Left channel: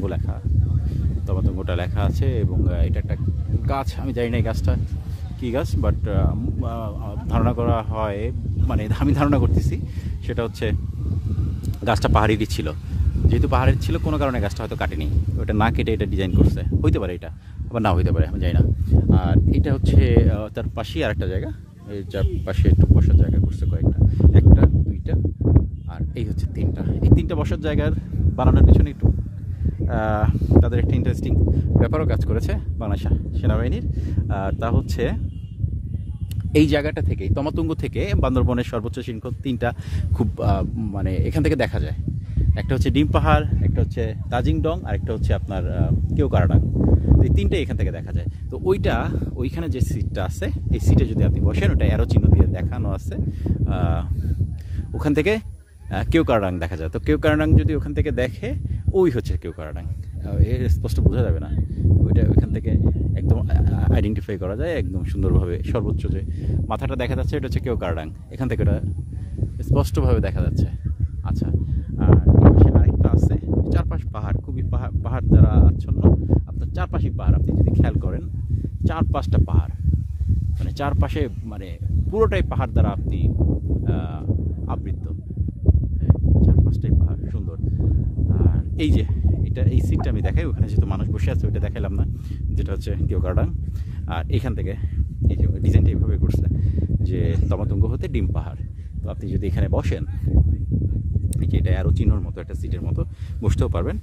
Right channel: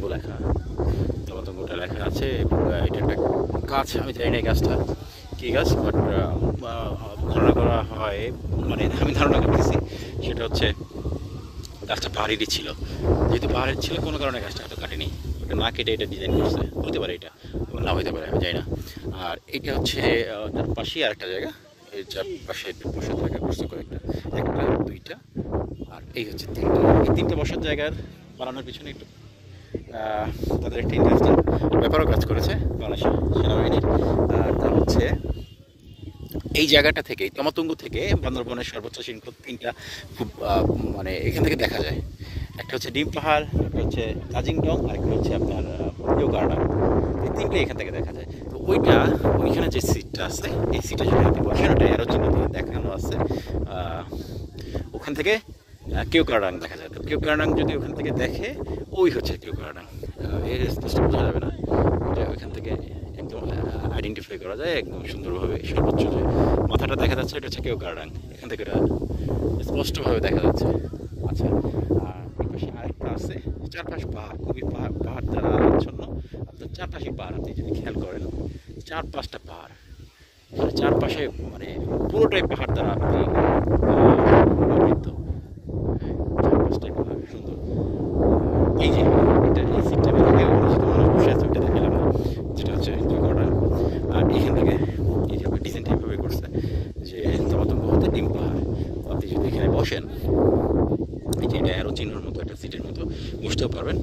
তমাতঙ্গ লেখা, তমাতঙ্গটা লেখা আছে। এবং এটা একটা গাছ, আমি জানি না এই গাছটা কী গাছ, বাট ধারণা করা হয়, মানে আমি ধারণা করতেছি সেটা হচ্ছে গাছটা পাহাড়েরই ছিল। যেহেতু পাহাড়ের ছিল, কোনো কারণে গাছটা হয়তো কাটেনি, ওটা না কেটে এটা ডিজাইন করছে, হইতে পারে এটা, আবার না হইতে পারে, আমি জানি না। আর এটা হচ্ছে তার পাশেই আরেকটা জায়গা, এই যার পাশে একটু বসার জায়গা করছে কয়েকটা, একটা দুইটা, আর এই হচ্ছে তিনটা। এই তিনটা বসার জায়গার বানানোর পিছনে একটু তাদের একটা ইন্টারেস্টিং ব্যাপারও কাজ করেছে বাংলাদেশ সেনাবাহিনীর। তা হচ্ছে এই জায়গাটা থেকে, তমাতঙ্গ থেকে বান্দরবনের সর্বোচ্চ শৃঙ্গ তিনটা খুব মানে এখান থেকে দেখা যায়। একটা হচ্ছে ডিম পাহাড়, একটা হচ্ছে তাজিং ডং, আর একটা হচ্ছে আপনার কেওক্রাডাং। এই তিনটে এখান থেকে দেখা যায়। তো ওইখানে যে সিটটা আছে, এই সিটে যদি আপনি বসেন, ওটা অ্যারো চিহ্ন দিয়ে দেখানো আছে, ওখান থেকে কেওক্রাডাং দেখা যায়। তো কেওক্রাডাং যদি ওখান থেকে দেখে, ওই হচ্ছে কেওক্রাডাং। এর স্পষ্ট বোঝা যাবে না, এটা ওইখান থেকে একদম আইডেন্টিফাই করা যায় একদম সুন্দরভাবে। সর্বোচ্চ যে মাথাটা দেখা যাচ্ছে, এটা হচ্ছে কেওক্রাডাং, এখান থেকে ওটা স্পষ্টভাবে দেখা যাচ্ছে। আচ্ছা, আর আরেকটা আছে, চারপাশ পাহাড়, খুবই পাহাড় দ্বারা আচ্ছন্ন। আপনার চারপাশেই পাহাড়, আপনি যদি খেয়াল করেন, 4-5টা পাহাড়, চারপাশে মানে পুরোটাই পাহাড় দ্বারা আপনি আবৃত। চারপাশটাই পাহাড়, সুন্দর। এই যে এটা, এই সিটটা আমি দেখাই, মানুষ বসে আছে, ওইটা দেখালাম না, যেটা হচ্ছে কেওক্রাডাং। আর এখান থেকে এই যে ডিজাইনটা এইভাবে করছে যে তমাতঙ্গ হতে ডিম পাহাড়। তো আপনি যদি এখানে বসেন, এই যে এটা অ্যারো চিহ্নর মতো একটা সিটের মতো বসতেও পারবেন,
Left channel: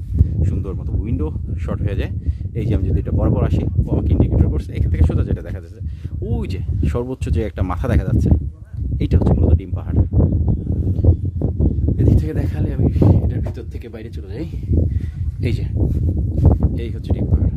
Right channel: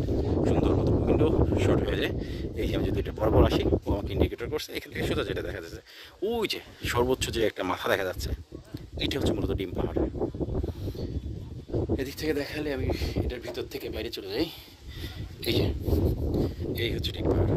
সুন্দর মতো উইন্ডো শর্ট হয়ে যায়। এই যে আমি যদি এটা বরাবর আসি, ও আমাকে ইন্ডিকেটর করছে, এখান থেকে সোজা যেটা দেখা যাচ্ছে, ওই যে সর্বোচ্চ যে একটা মাথা দেখা যাচ্ছে, এইটা হচ্ছে মূলত ডিম পাহাড়। এদিক থেকে দেখালে আমি এটার ভিতর থেকে বাইরে চলে যাই, এই যে এই হচ্ছে ডিম পাহাড়।